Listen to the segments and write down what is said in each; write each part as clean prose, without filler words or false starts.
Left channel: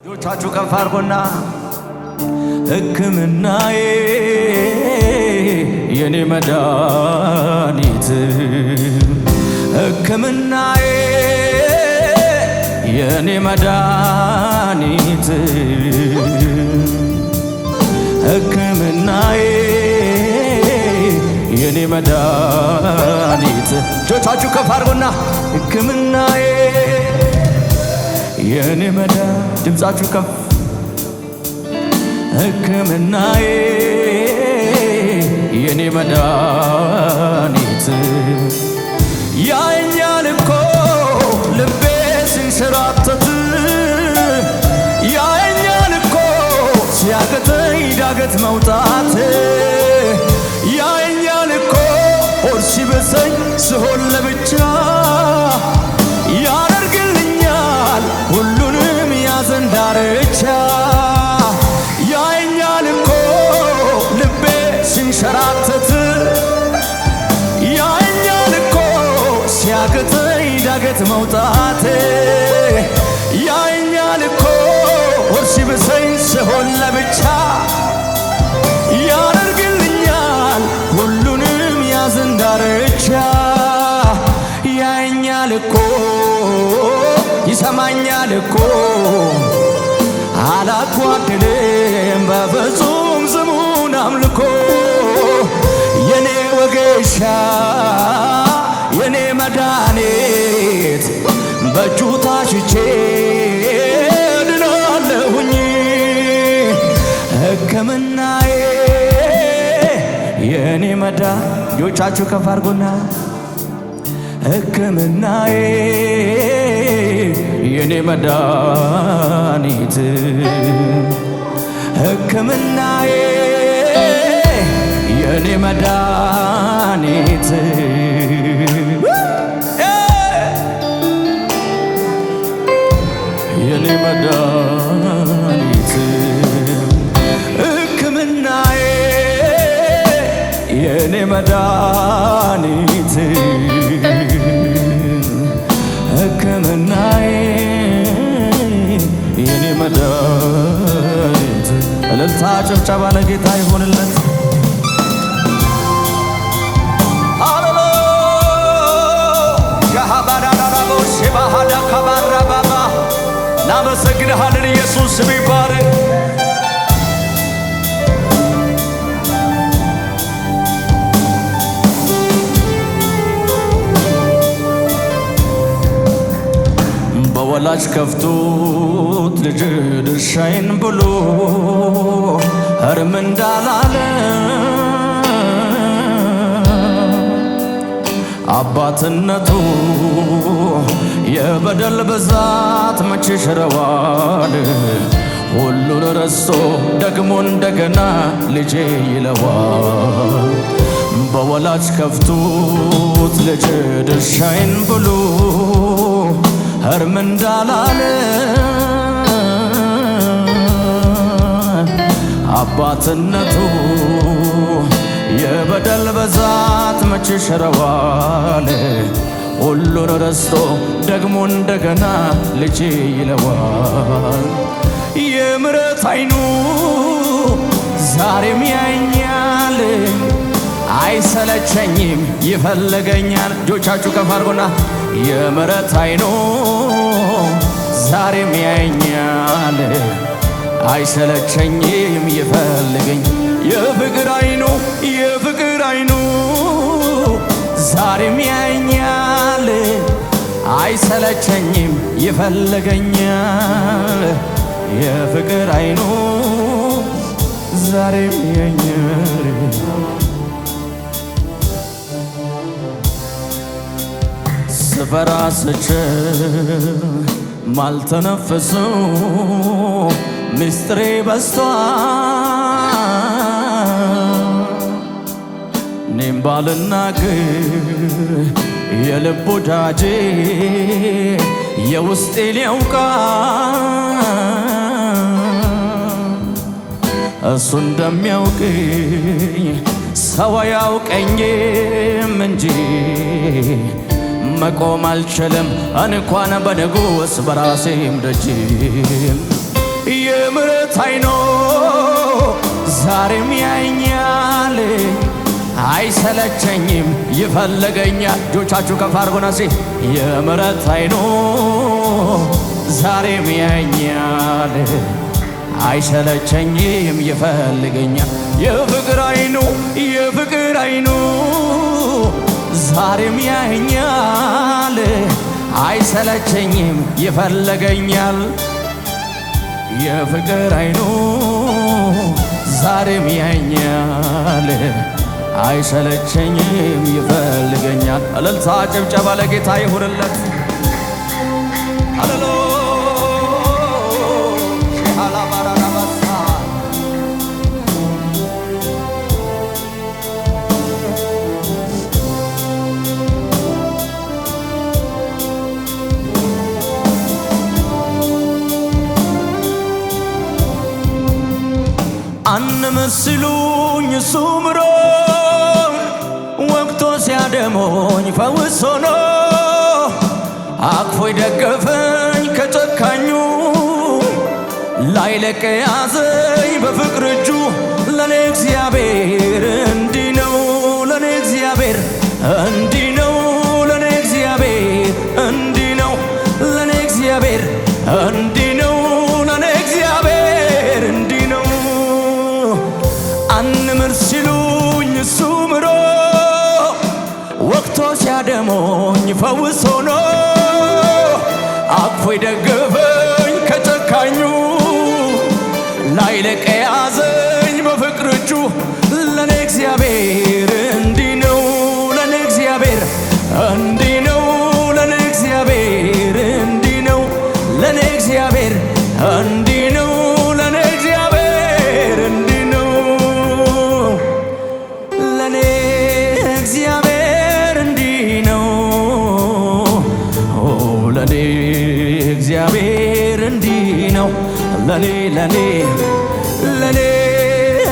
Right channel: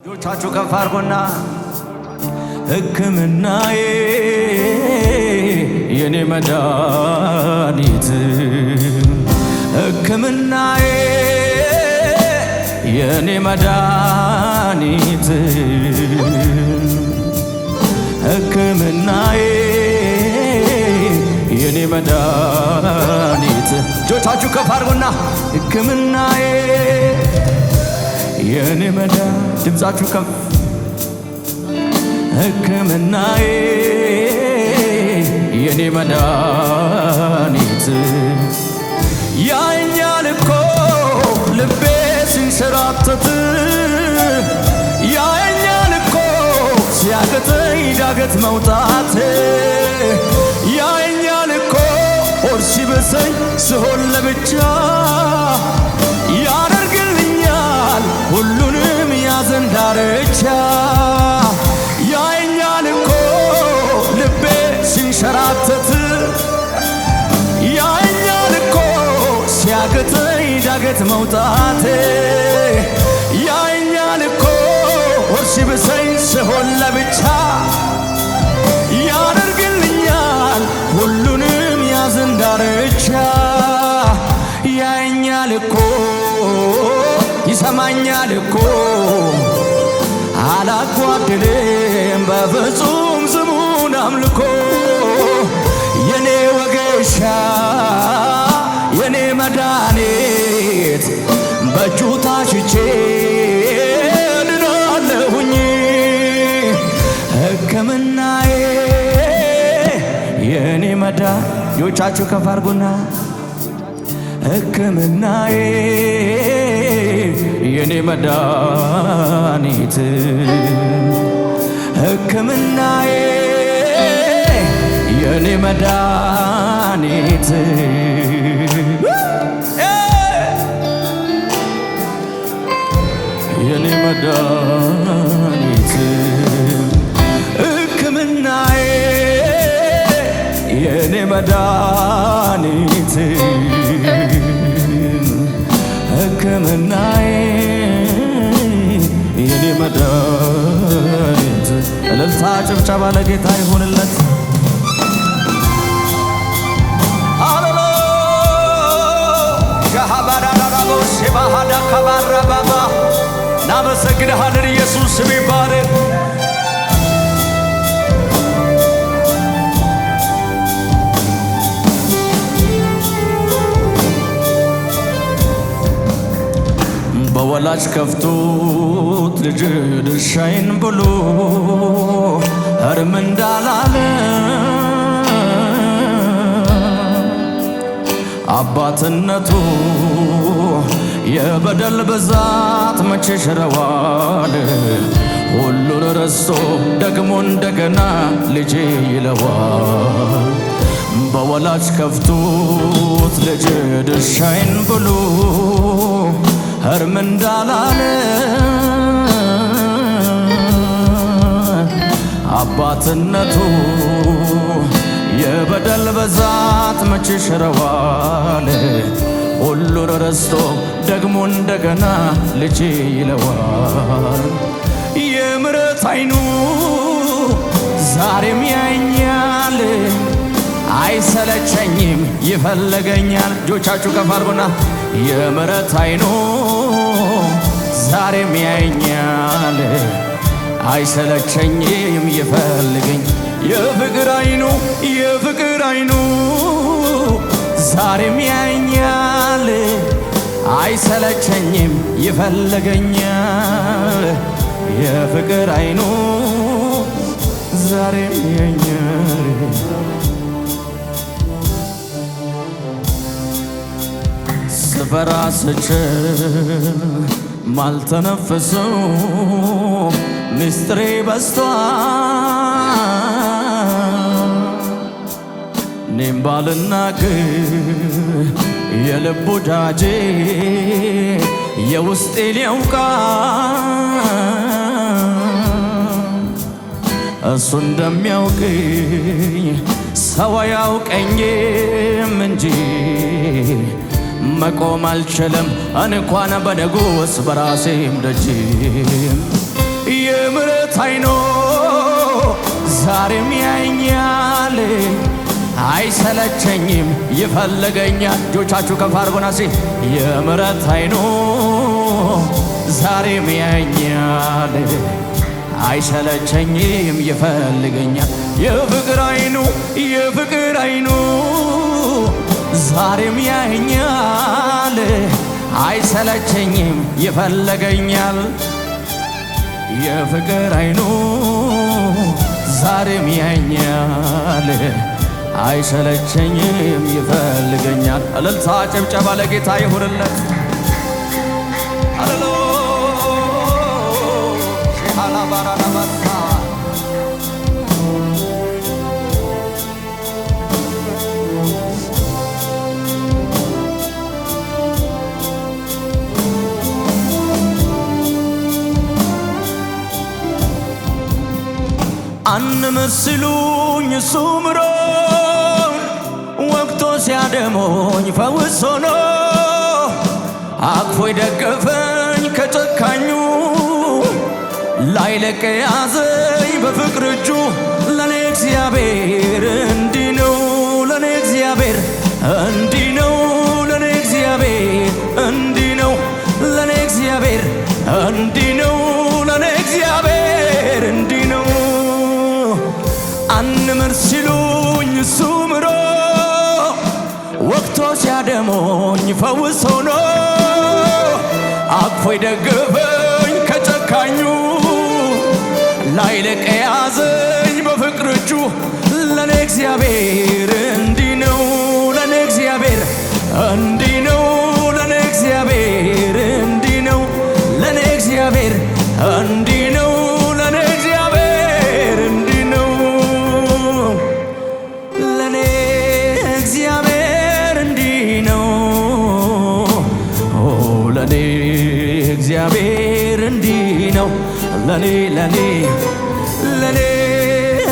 ጆቻችሁ ከፍ አድርጉና ሕክምናዬ የኔ መድኃኒት ሕክምናዬ የኔ መድኃኒት ሕክምናዬ የኔ መድኃኒት ጆቻችሁ ከፍ አድርጉና ሕክምናዬ የኔ መድኃኒት ድምፃችሁ ከፍ ሕክምናዬ የኔ መድኃኒት ያየኛል እኮ ልቤ ሲንሸራተት ያየኛል እኮ ሲያቅተኝ ዳገት መውጣት ያየኛል እኮ ሆድ ሲብሰኝ ስሆን ለብቻ ያደርግልኛል ሁሉንም ያዘን ዳርቻ ያየኛል እኮ ልቤ ሲንሸራተት ያየኛል እኮ ሲያቅተኝ ዳገት መውጣት ያየኛል እኮ ሆድ ሲብሰኝ ስሆን ለብቻ ያደርግልኛል ሁሉንም ያዘን ዳርቻ ያየኛል እኮ ይሰማኛል እኮ አላጓድልም በፍጹም ስሙን አምልኮ የኔ ወጌሻ የኔ መድኃኒት በእጁ ታሽቼ ድናለሁኝ ሕክምናዬ የኔ መድኃኒት ጆቻችሁ ከፍ አድርጉና ሕክምናዬ የኔ መድኃኒት ሕክምናዬ የኔ መድኃኒት የኔ መድኃኒት ሕክምናዬ የኔ መድኃኒት ሕክምናዬ የኔ መድኃኒት እልልታ ጭብጨባ ለጌታ ይሁንለት። ሃሌሉያ ሸባሃዳ ከባራ ባባ እናመሰግንሃለን ኢየሱስ ስም ይባረክ። በወላጅ ከፍቶት ልጅ ድርሻዬን ብሎ እርም እንዳላለ አባትነቱ የበደል ብዛት መቼ ሽረዋል ሁሉን ረስቶ ደግሞ እንደገና ልጄ ይለዋል። በወላጅ ከፍቶት ልጅ ድርሻዬን ብሎ እርም እንዳላለ አባትነቱ የበደል ብዛት መቼ ሽረዋል ሁሉን ረስቶ ደግሞ እንደገና ልጄ ይለዋል። የምሕረት ዓይኑ ዛሬም ያየኛል አይሰለቸኝም ይፈልገኛል። እጆቻችሁ ከፍ አድርጉና የምሕረት ዓይኑ ዛሬም ያየኛል አይሰለቸኝም ይፈልገኝ የፍቅር ዓይኑ የፍቅር ዓይኑ ዛሬም ያየኛል አይሰለቸኝም ይፈልገኛል የፍቅር ዓይኑ ዛሬም ያየኛል። ስፈራ ስችል ማልተነፍሰው ምስጢሬ በዝቷል እኔም ባልናገር የልብ ወዳጄ የውስጤን ያውቃል እሱ እንደሚያውቅኝ ሰው አያውቀኝም እንጂ መቆም አልችልም እንኳን በንጉሥ በራሴም ደጅም የምሕረት አይኖ ዛሬም ያየኛል አይሰለቸኝም ይፈልገኛል። እጆቻችሁ ከፍ አድርጉና የምሕረት አይኖ ዛሬም ያየኛል አይሰለቸኝም ይፈልገኛል። የፍቅር አይኑ ዛሬም ያየኛል አይሰለቸኝም ይፈልገኛል። የፍቅር አይኑ ዛሬም ያየኛል አይሰለቸኝም ይፈልገኛል። እልልታ ጭብጨባ ለጌታ ይሁንለት። ሃሌሉያ ሺሃላ ባራዳባሳ አንመስሉኝ እሱ ምሮኝ ወቅቶ ሲያደሞኝ ፈውስ ሆኖ አቅፎ ደገፈኝ ከጨካኙ ላይለቅ ያዘኝ በፍቅር እጁ። ለኔ እግዚአብሔር እንዲህ ነው፣ ለኔ እግዚአብሔር እንዲህ ነው፣ ለኔ እግዚአብሔር እንዲህ ነው፣ ለኔ እግዚአብሔር እንዲህ ነው፣ ለኔ እግዚአብሔር እንዲህ ነው። አንምር ሲሉኝ እሱ ምሮ ወቅቶ ሲያደሞኝ ፈውስ ሆኖ አቅፎ ደገፈኝ ከጨካኙ ላይለቅ ያዘኝ በፍቅር እጁ። ለኔ እግዚአብሔር እንዲህ ነው፣ ለኔ እግዚአብሔር እንዲህ ነው፣ ለኔ እግዚአብሔር እንዲህ ነው፣ ለኔ እግዚአብሔር እንዲህ ነው፣ ለኔ እግዚአብሔር እንዲህ ነው፣ ለኔ እግዚአብሔር እንዲህ ነው፣ ለኔ እግዚአብሔር እንዲህ ነው፣ ለኔ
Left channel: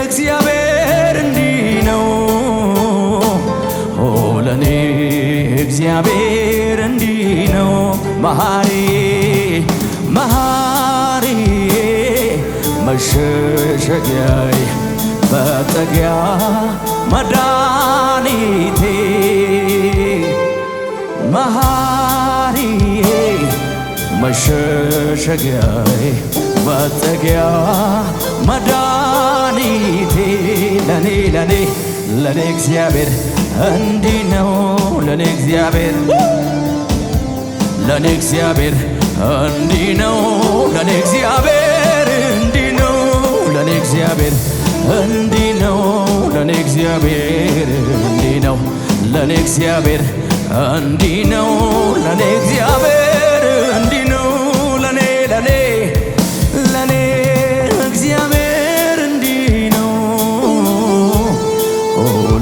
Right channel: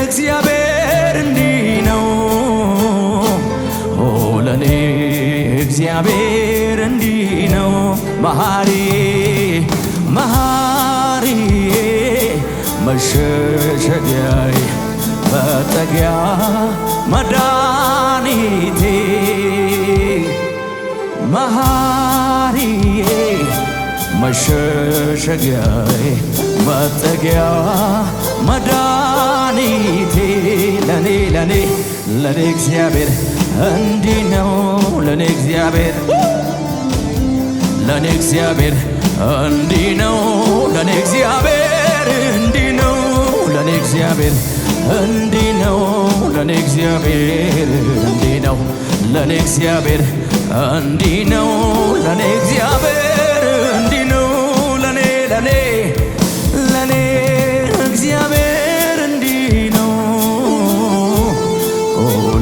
እግዚአብሔር እንዲህ ነው፣ ለኔ እግዚአብሔር እንዲህ ነው። መሐሪዬ መሸሸጊያዬ መጠጊያ መድኃኒቴ መሐሪዬ መሸሸጊያዬ መጠጊያ መድኃኒቴ ለኔ እግዚአብሔር እንዲህ ነው፣ ለኔ እግዚአብሔር እንዲህ ነው፣ ለኔ እግዚአብሔር እንዲህ ነው፣ ለኔ እግዚአብሔር እንዲህ ነው፣ ለኔ እግዚአብሔር እንዲህ ነው፣ ለኔ እግዚአብሔር እንዲህ ነው፣ ለኔ እግዚአብሔር እንዲህ ነው፣ ለኔ እግዚአብሔር እንዲህ ነው፣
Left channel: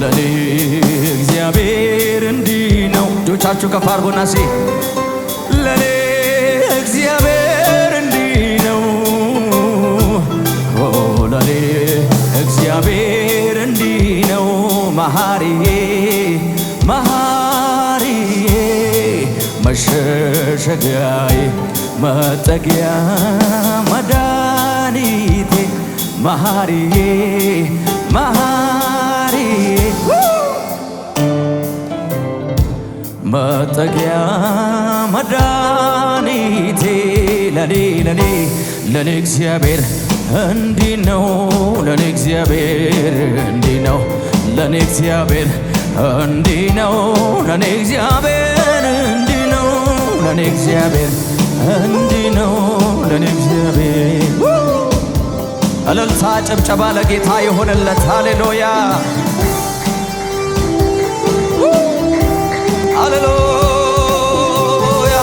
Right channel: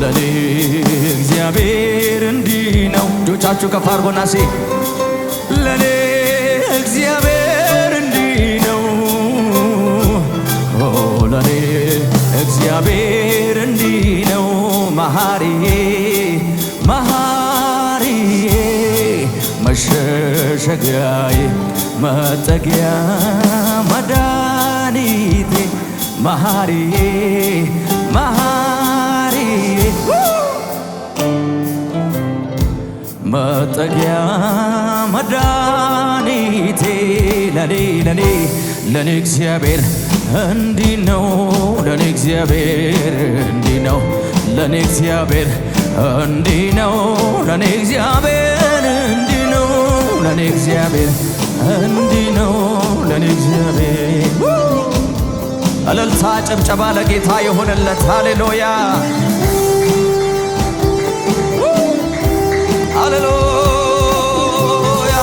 ለኔ እግዚአብሔር እንዲህ ነው። እጆቻችሁ ከፍ አድርጎና ለኔ እግዚአብሔር እንዲህ ነው፣ ለኔ እግዚአብሔር እንዲህ ነው። መሐሪዬ መሸሸጊያዬ መጠጊያ መድኃኒቴ መሐሪዬ መጠጊያ መድኃኒቴ ለኔ እግዚአብሔር እንዲህ ነው፣ ለኔ እግዚአብሔር እንዲህ ነው፣ ለኔ እግዚአብሔር እንዲህ ነው፣ ለኔ እግዚአብሔር እንዲህ ነው፣ ለኔ እግዚአብሔር እንዲህ ነው፣ ለኔ እግዚአብሔር። እልልታ ጭብጨባ ለጌታ የሆነለት። ሃሌሉያ ሃሌሉያ።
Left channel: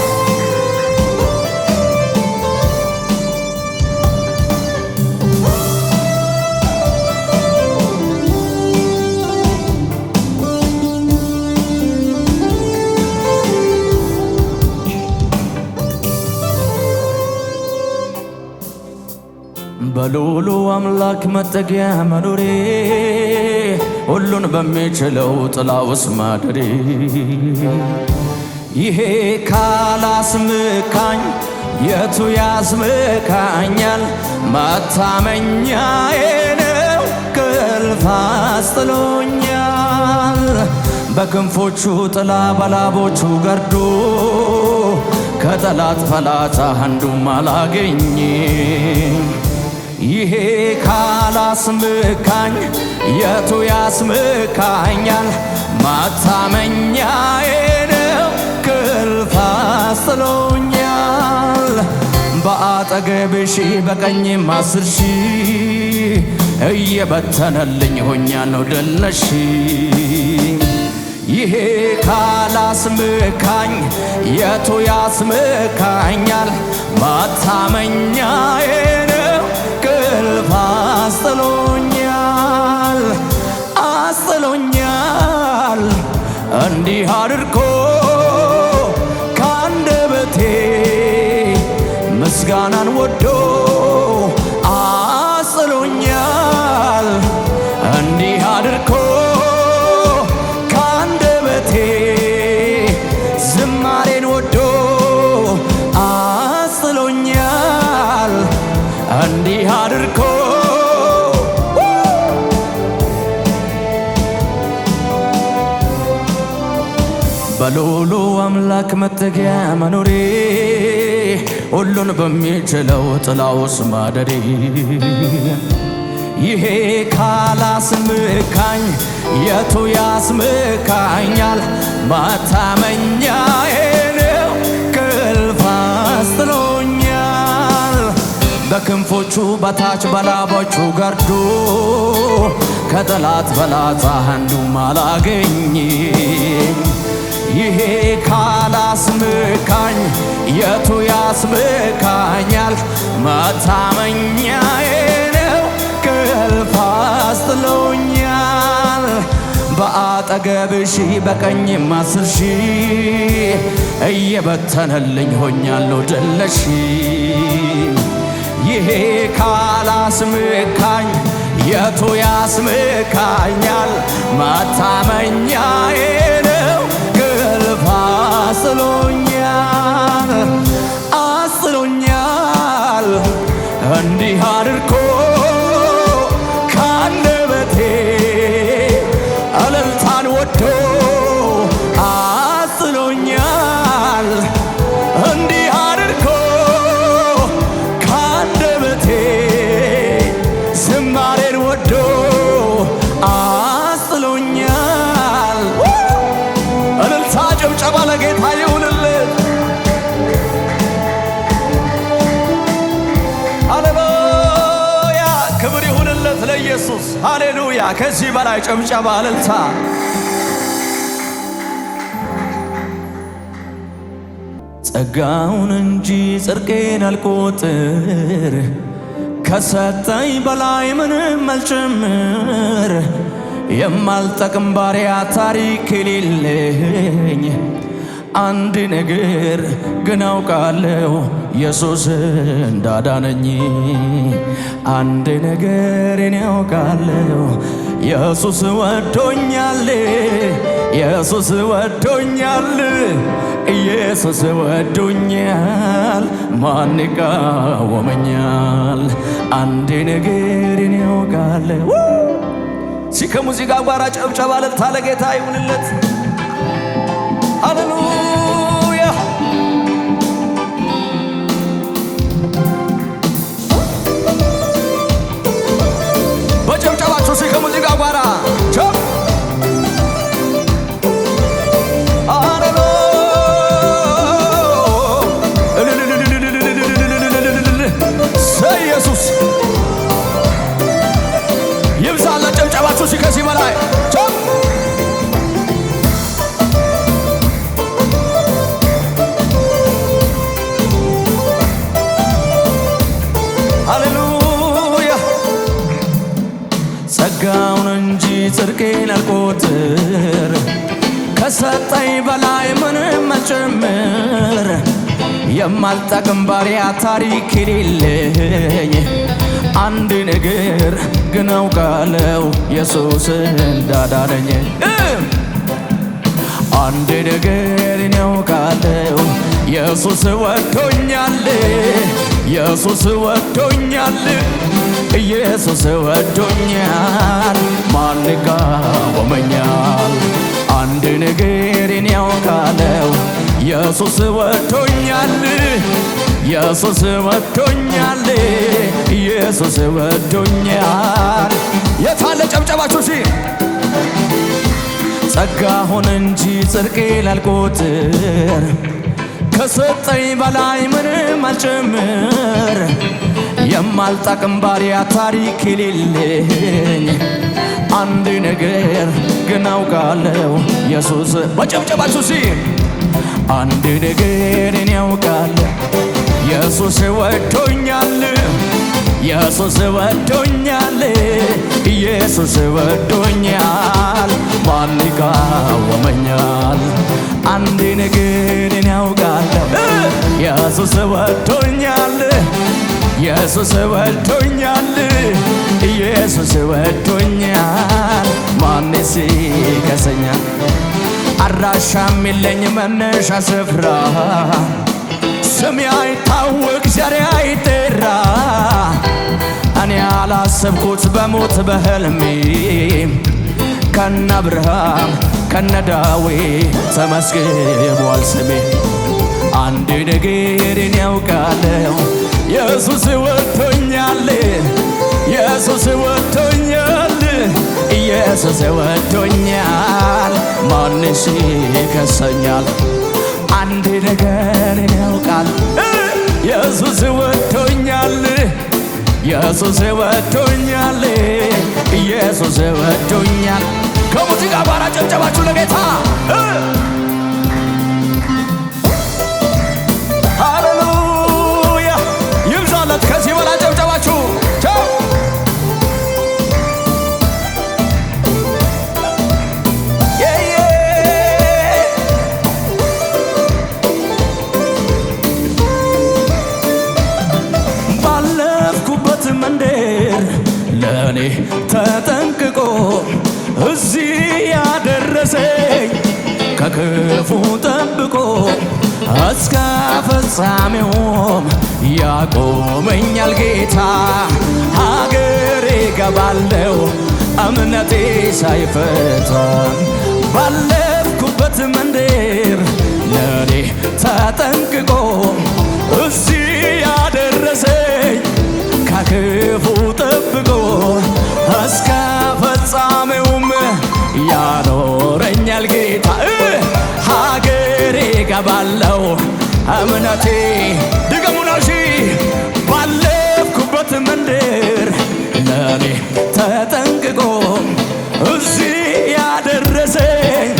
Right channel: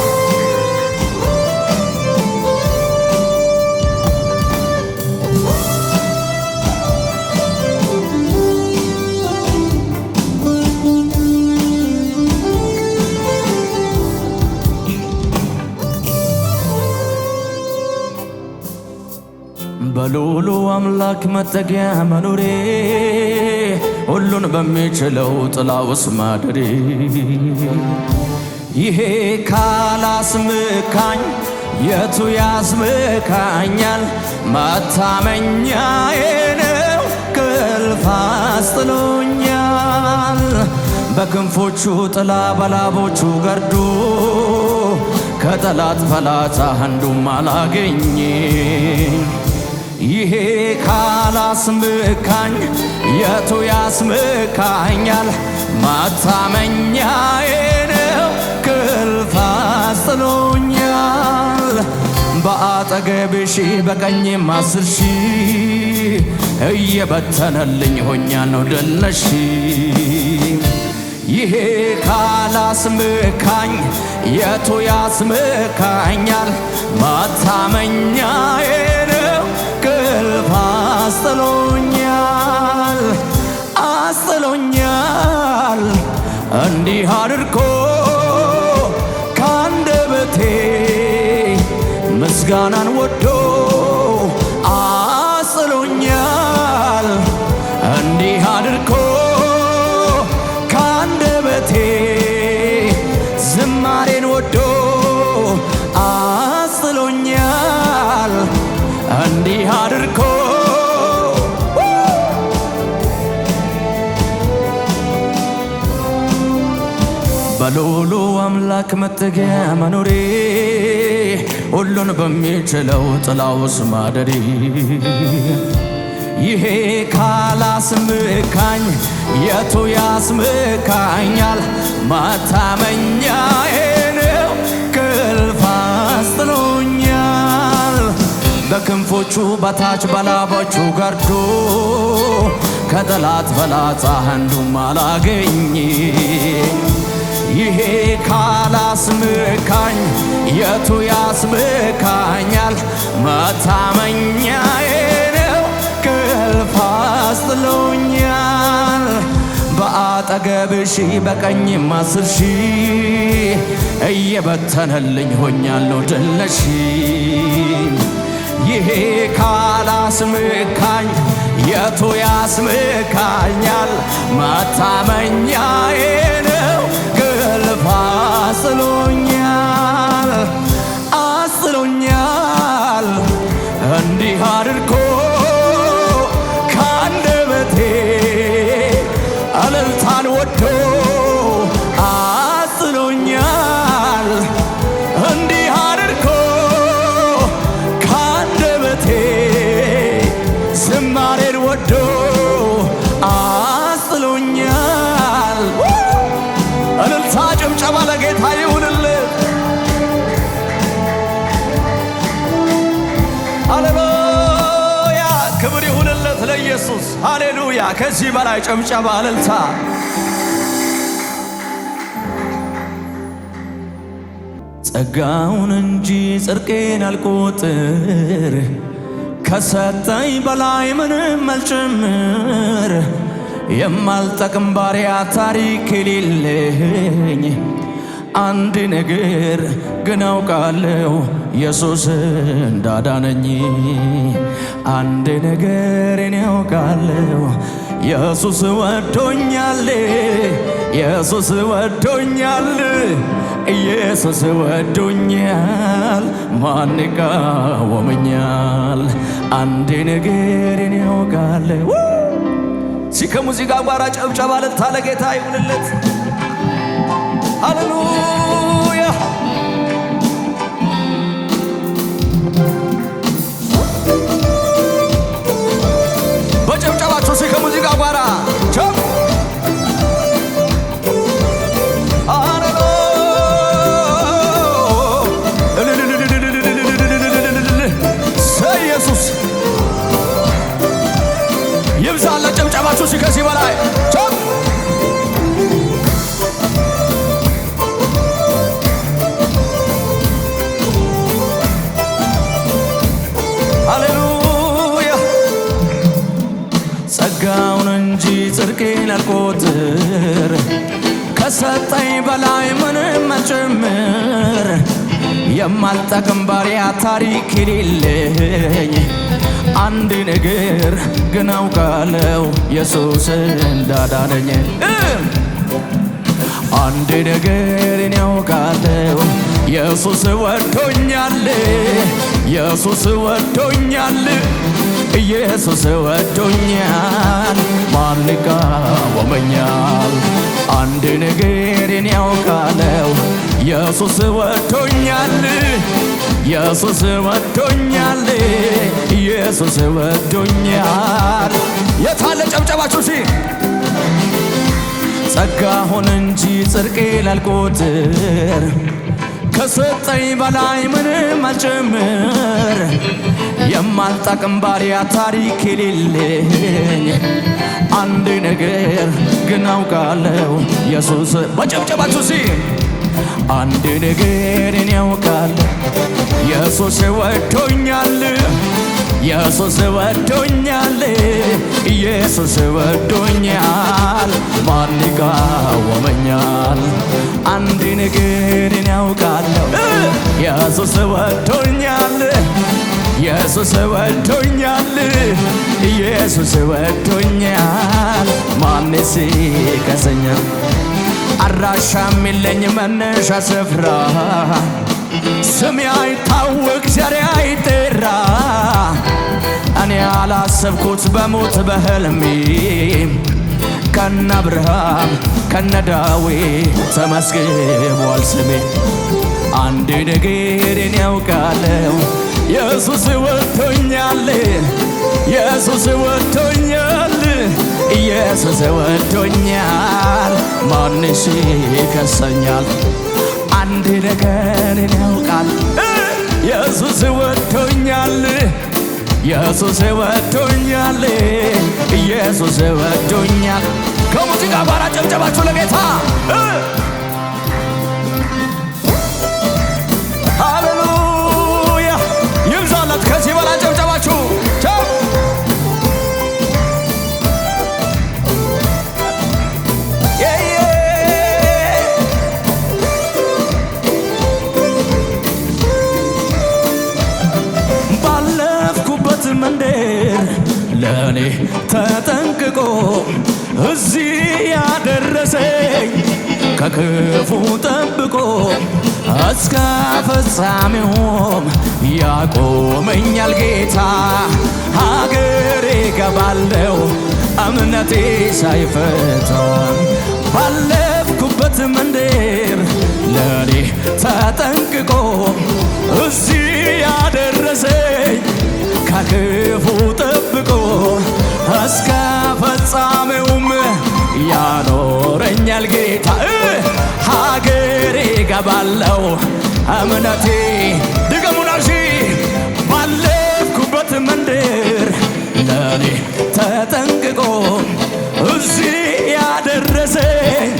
በልዑሉ አምላክ መጠጊያ መኖሬ ሁሉን በሚችለው ጥላ ውስጥ ማደሬ ይሄ ካላስመካኝ የቱ ያስመካኛል? መታመኛዬ ነው እንቅልፍ አስጥሎኛል። በክንፎቹ ጥላ በላቦቹ ገርዶ ከጠላት ፈላጻ አንዱም አላገኝ። ይሄ ካላስመካኝ የቱ ያስመካኛል? መታመኛዬ ነው እንቅልፍ አስጥሎኛል። በአጠገብህ ሺህ በቀኝም 10 ሺህ እየበተነልኝ ሆኛለሁ ድል ነሺ። ይሄ ካላስመካኝ የቱ ያስመካኛል? መታመኛዬ ነው እንቅልፍ አስጥሎኛል። አስጥሎኛል እንዲህ አድርጎ ካንደበቴ ምስጋናን ወዶ አስጥሎኛል። እንዲህ አድርጎ ካንደበቴ ዝማሬን ወዶ አስጥሎኛል። እንዲህ አድርጎ በልዑሉ አምላክ መጠጊያ መኖሬ ሁሉን በሚችለው ጥላ ውስጥ ማደሬ ይሄ ካላስመካኝ የቱ ያስመካኛል? መታመኛዬ ነው እንቅልፍ አስጥሎኛል። በክንፎቹ በታች በላቦቹ ገርዶ ከጠላት ፈላጻ አንዱም አላገኘኝ። ይሄ ካላስመካኝ የቱ ያስመካኛል? መታመኛዬ ነው እንቅልፍ አስጥሎኛል። በአጠገብህ ሺህ በቀኝም 10 ሺህ እየበተነልኝ ሆኛለሁ ድል ነሺ። ይሄ ካላስመካኝ የቱ ያስመካኛል? መታመኛዬ ነው እንቅልፍ አስጥሎኛል። አስጥሎኛል እንዲህ አድርጎ ካንደበቴ እልልታን ወዶ አስጥሎኛል። እንዲህ አድርጎ ካንደበቴ ዝማሬን ወዶ አስጥሎኛል። እልልታ ጭብጨባ ለጌታ ይሁንለት። ሃሌሉያ ክብር ይሁንለት ለኢየሱስ። ሃሌሉያ ከዚህ በላይ ጭብጨባ እልልታ። ጸጋውን እንጂ ጽድቄን አልቆጥር፣ ከሰጠኝ በላይ ምንም አልጨምር። የማልጠቅም ባሪያ ታሪክ የሌለኝ አንድ ነገር ግን አውቃለሁ ኢየሱስ እንዳዳነኝ። አንድ ነገር እኔ አውቃለሁ ኢየሱስ ወዶኛል፣ ኢየሱስ ወዶኛል፣ ኢየሱስ ወዶኛል፣ ማን ይቃወመኛል? አንድ ነገር እኔ አውቃለሁ። ከሙዚቃ ጋር ጨብጨባ ለታለ ጌታ ይሁንለት። ሃሌሉያ በጨብጨባችሁ ከሙዚቃ ጋር ቸብ ኢየሱስ ይብዛላ። ጨብጨባችሁ ከዚህ በላይ ቸብ ሃሌሉያ ጸጋውን እንጂ ጽድቄን አልቆጥር፣ ከሰጠኝ በላይ ምንም አልጨምር። የማልጠቅም ባሪያ ታሪክ የሌለኝ አንድ ነገር ግን አውቃለሁ ኢየሱስ እንዳዳነኝ። አንድ ነገር እኔ አውቃለሁ ኢየሱስ ወዶኛል ኢየሱስ ወዶኛል ኢየሱስ ወዶኛል ማን ይቃወመኛል? አንድ ነገርን ያውቃለው ኢየሱስ ወዶኛል ኢየሱስ ወዶኛል ኢየሱስ ወዶኛል። የታለ ጨብጨባችሁ? ጸጋ ሆነ እንጂ ጽድቄ ላልቆጥር ከሰጠኝ በላይ ምንም አልጨምር የማልጠቅም ባሪያ ታሪክ የሌለኝ አንድ ነገር ግን አውቃለሁ ኢየሱስ በጨብጨባችሁ አንድ ነገር እኔ አውቃለሁ ኢየሱስ ወዶኛል ኢየሱስ ወዶኛል ኢየሱስ ወዶኛል ማን ይቃወመኛል? አንድ ነገር እኔ አውቃለሁ ኢየሱስ ወዶኛል ኢየሱስ ወዶኛል ኢየሱስ ወዶኛል ማንስ ይከሰኛል? አድራሻም የለኝ መነሻ ስፍራ ስሜ አይታወቅ ዘሬ አይጠራ እኔ ያላሰብኩት በሞት በህልሜ ከነ አብርሃም ከነ ዳዊት ተመስግቧል ስሜ። አንድ ነገርን ያውቃለሁ ኢየሱስ ወዶኛል ኢየሱስ ወዶኛል ኢየሱስ ወዶኛል ማንስ ይከሰኛል? አንድ ነገርን ያውቃል ኢየሱስ ወዶኛል ኢየሱስ ወዶኛል ኢየሱስ ወዶኛል። ከሙዚቃ ጋር ጨብጨባችሁ ለጌታ ሃሌሉያ ይብዛለት። ከዚህ በላይ ጨብጨባችሁ ባለፍኩበት መንደር ለኔ ተጠንቅቆ እዚህ ያደረሰኝ ከክፉ ጠብቆ እስከ ፍጻሜውም ያቆመኛል ጌታ። ሀገሬ ገባለው እምነቴ ሳይፈታ ባለፍኩበት መንደር ለኔ ተጠንቅቆ እዚህ ያደረሰኝ ከክፉ ጠብቆ እስከ ፍጻሜውም ያኖረኛል ጌታ። ሀገሬ ገባለው እምነቴ ድገሙናሺ ባለፍኩበት መንደር ለኔ ተጠንቅቆ እዚህ ያደረሰኝ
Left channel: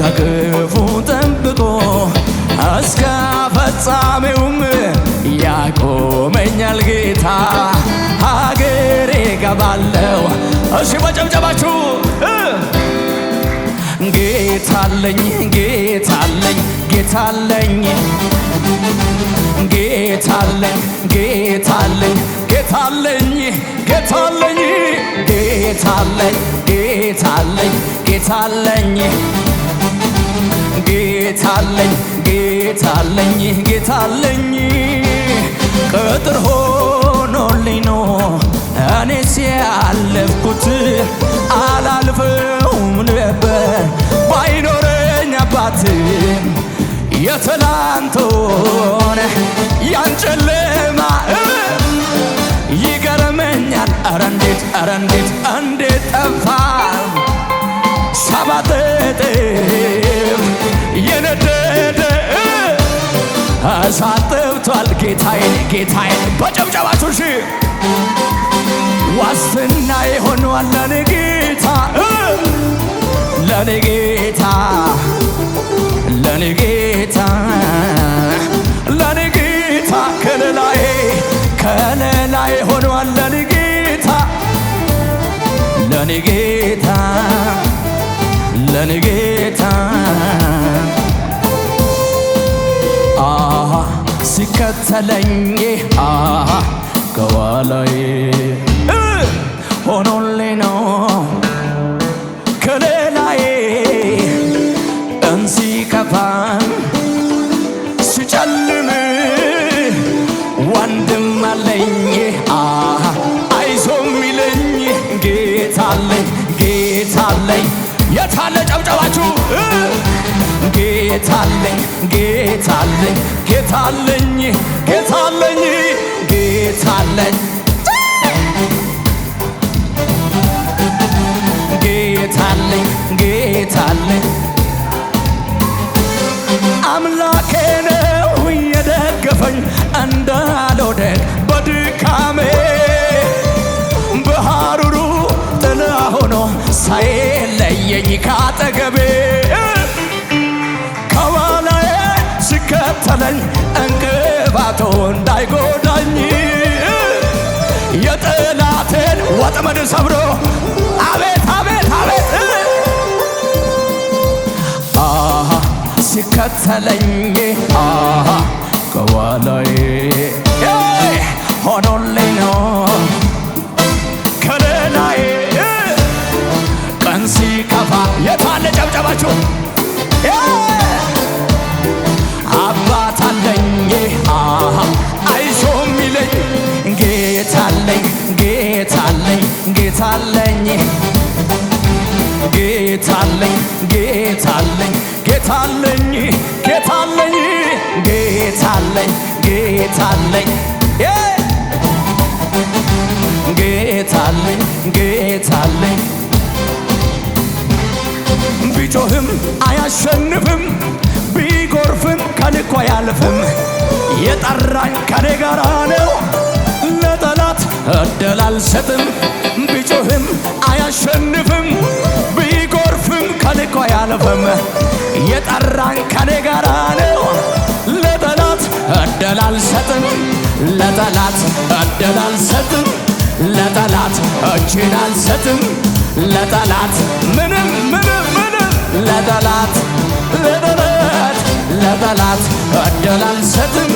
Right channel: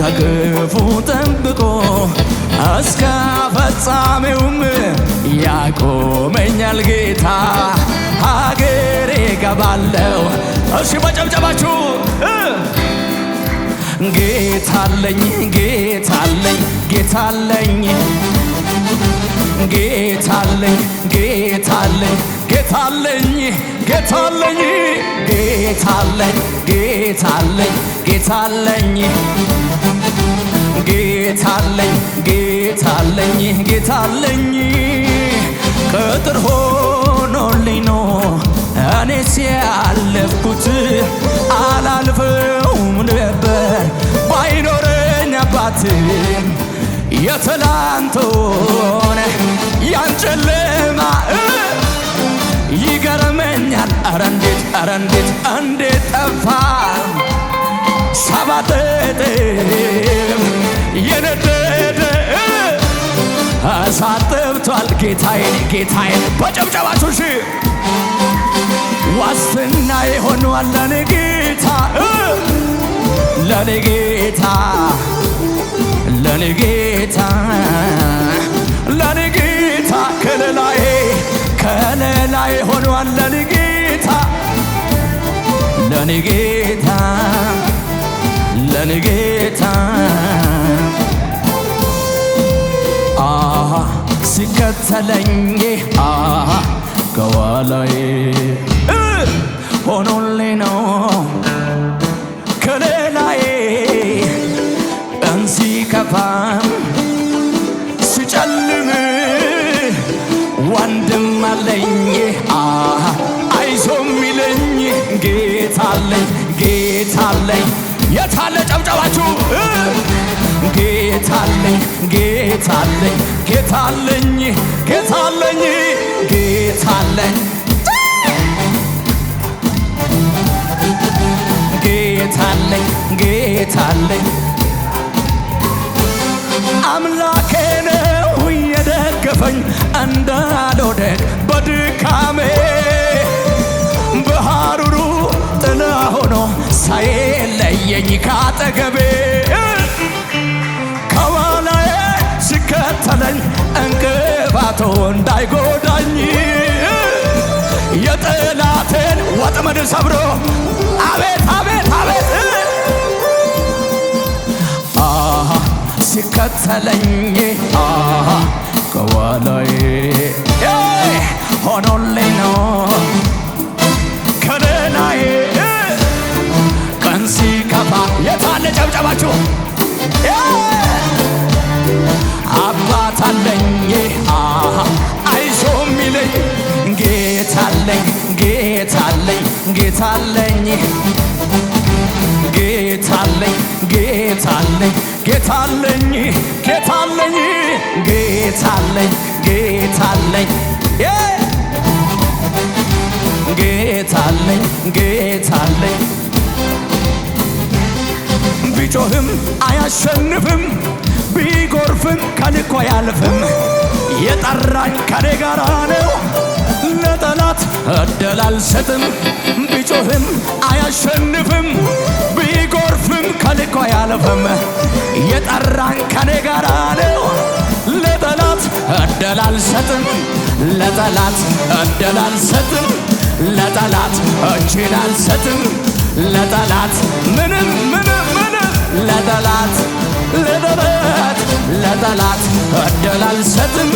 ከክፉ ጠብቆ እስከ ፍጻሜውም ያቆመኛል ጌታ። ሀገሬ ገባለው እሺ በጨብጨባችሁ ጌታለኝ ጌታለኝ ጌታለኝ ጌታለኝ ጌታለኝ ጌታለኝ ጌታለኝ ጌታለኝ ጌታለኝ ጌታለኝ ጌታለኝ ጌታለኝ ጌታለኝ ቅጥር ሆኖልኝ ነው እኔስ ያለፍኩት አላልፈውም ነበር ባይኖረኝ አባት የትላንቱን ያን ጨለማ ይገርመኛል። ኧረ እንዴት ኧረ እንዴት እንዴት ጠፋ ሰባት እጥፍ የነደደ እሳት ጠብቷል ጌታዬን ጌታዬን በጨብጨባችሁ ሺ ዋስትና የሆነዋል ለኔ ጌታ ለኔ ጌታ ለኔ ጌታ ለኔ ጌታ ከለላዬ ከለላዬ ሆነዋል ለኔ ጌታ ለኔ ጌታ ለኔ ጌታ ሲከተለኝ ከኋላዬ ሆኖልኝ ነው ከለላዬ እንሲከፋም ሲጨልም ወንድም አለኝ አይዞ ሚለኝ ጌታ አለኝ ጌታ አለኝ። የታለ ጨብጨባችሁ? ጌታ አለኝ ጌታ አለኝ ጌታ አለኝ ጌታ አለኝ ጌታ አለኝ ጌታ አለኝ ጌታ አለኝ። አምላኬ ነው የደገፈኝ እንዳልወድቅ በድካሜ በሐሩሩ ጥላ ሆኖ ሳይለየኝ ካጠገቤ ከኋላዬ ሲከተለኝ እንቅፋቱ እንዳይጎዳኝ የጠላቴን ወጥመድ ሰብሮ አቤት አቤት አቤት ሲከተለኝ ከኋላዬ ሆኖልኝ ነው ከለላዬ ቀን ሲከፋ የታለ ጨብጨባችሁ? አባት አለኝ አይዞ ሚለኝ ጌታ አለኝ ጌታ አለኝ ጌታ አለኝ ጌታ አለኝ ጌታ አለኝ ጌታ አለኝ ጌታ አለኝ ጌታ አለኝ ጌታ አለኝ ጌታ አለኝ ጌታ አለኝ። ቢጮህም አያሸንፍም ቢጎርፍም ከልኮ አያልፍም። የጠራኝ ከኔ ጋራ ነው ለጠላት እድል አልሰጥም። ቢጮህም አያሸንፍም ቢጎርፍም ከልኮ አያልፍም። የጠራኝ ከኔ ጋራ ነው ለጠላት እድል አልሰጥም። ለጠላት እድል አልሰጥም። ለጠላት እጄን አልሰጥም። ለጠላት ምንም ምንም ምንም ለጠላት ለጠላት እድል አልሰጥም።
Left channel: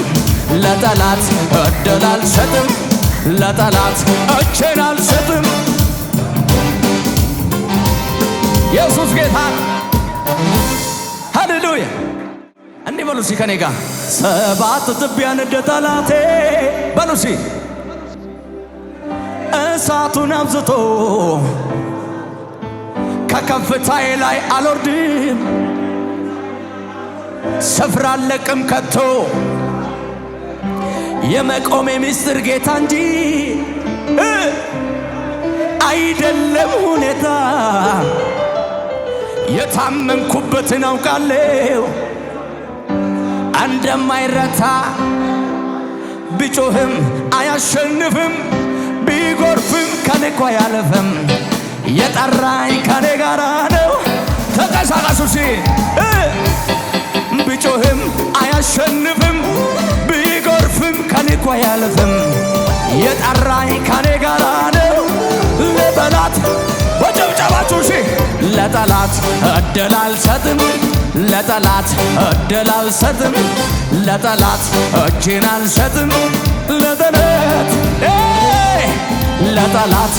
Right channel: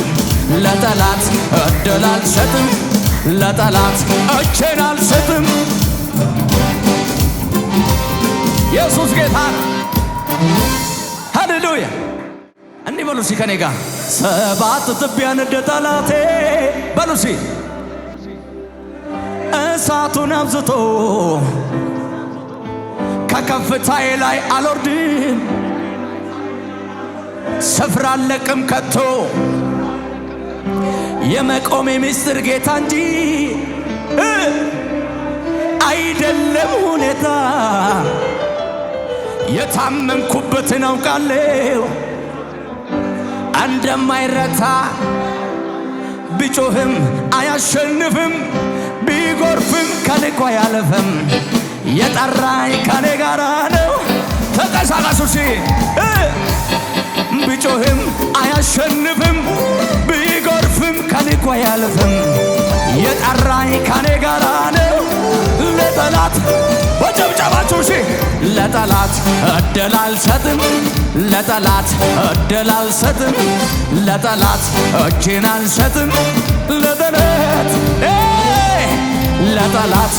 ለጠላት እድል አልሰጥም። ለጠላት እጄን አልሰጥም። ኢየሱስ ጌታ ሃሌሉያ። እንዲህ በሉ እስኪ ከኔ ጋር ሰባት ትቢያ እንደ ጠላቴ በሉ እስኪ እሳቱን አብዝቶ ከከፍታዬ ላይ አልወርድም። ስፍራ አልለቅም ከቶ የመቆሜ ምስጢር ጌታ እንጂ አይደለም ሁኔታ። የታመንኩበትን አውቃለሁ እንደማይረታ። ቢጮህም አያሸንፍም ቢጎርፍም ከልኮ አያልፍም። የጠራኝ ከኔ ጋራ ነው። ተንቀሳቀሱ ሲ ቢጮህም አያሸንፍም ቢጎርፍም ከልኮ አያልፍም። የጠራኝ ከኔ ጋራ ነው። ለጠላት በጨብጨባችሁ ሲ ለጠላት እድል አልሰጥም። ለጠላት እድል አልሰጥም። ለጠላት እጄን አልሰጥም። ለጠላት ለጠላት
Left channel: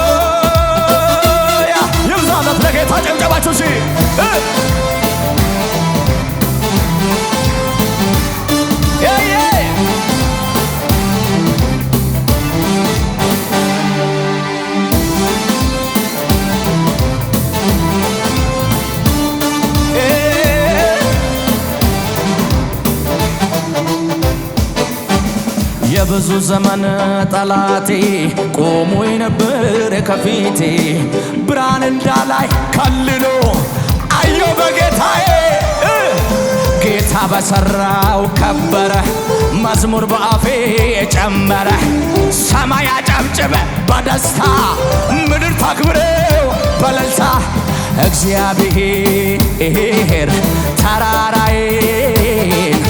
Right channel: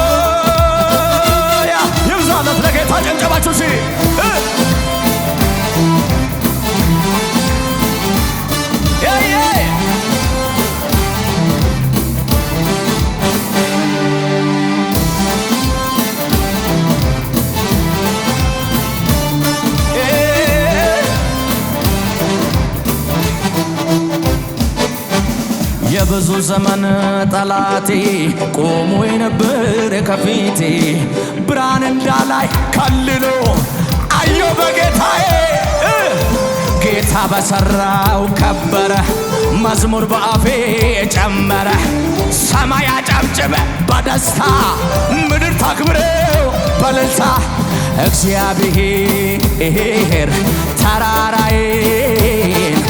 ሃሌሉያ ይብዛለት ለጌታ ጨብጨባችሁ ሲ የብዙ ዘመን ጠላቴ ቆሞ የነበረ ከፊቴ ብርሃን እንዳላይ ከልሎ አየሁ በጌታዬ። ጌታ በሠራው ከበረ መዝሙር በአፌ ጨመረ። ሰማይ አጨብጭበ በደስታ ምድር ታክብረው በእልልታ። እግዚአብሔር ተራራዬን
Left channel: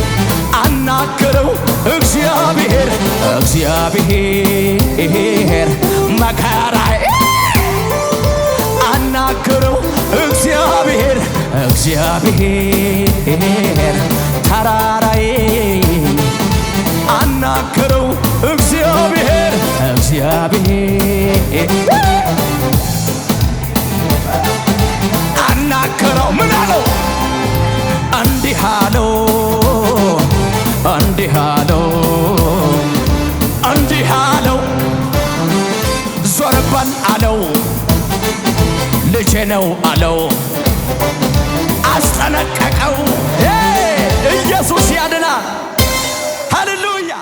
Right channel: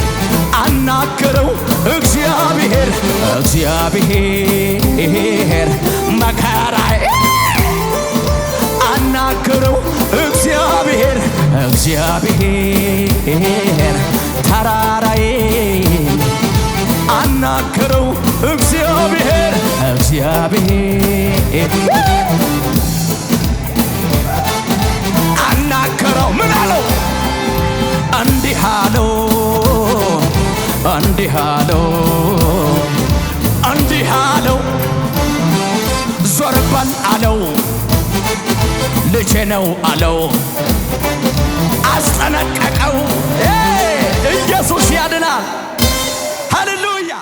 አናገረው። እግዚአብሔር መከራዬ አናገረው። እግዚአብሔር ተራራዬን አናገረው። እግዚአብሔር ተናገረው። ምን አለው? እንዲህ አለው እንዲህ አለው እንዲህ አለው ዞር በል አለው ልጄ ነው አለው አስጠነቀቀው። ኢየሱስ ያድናል። ሃሌሉያ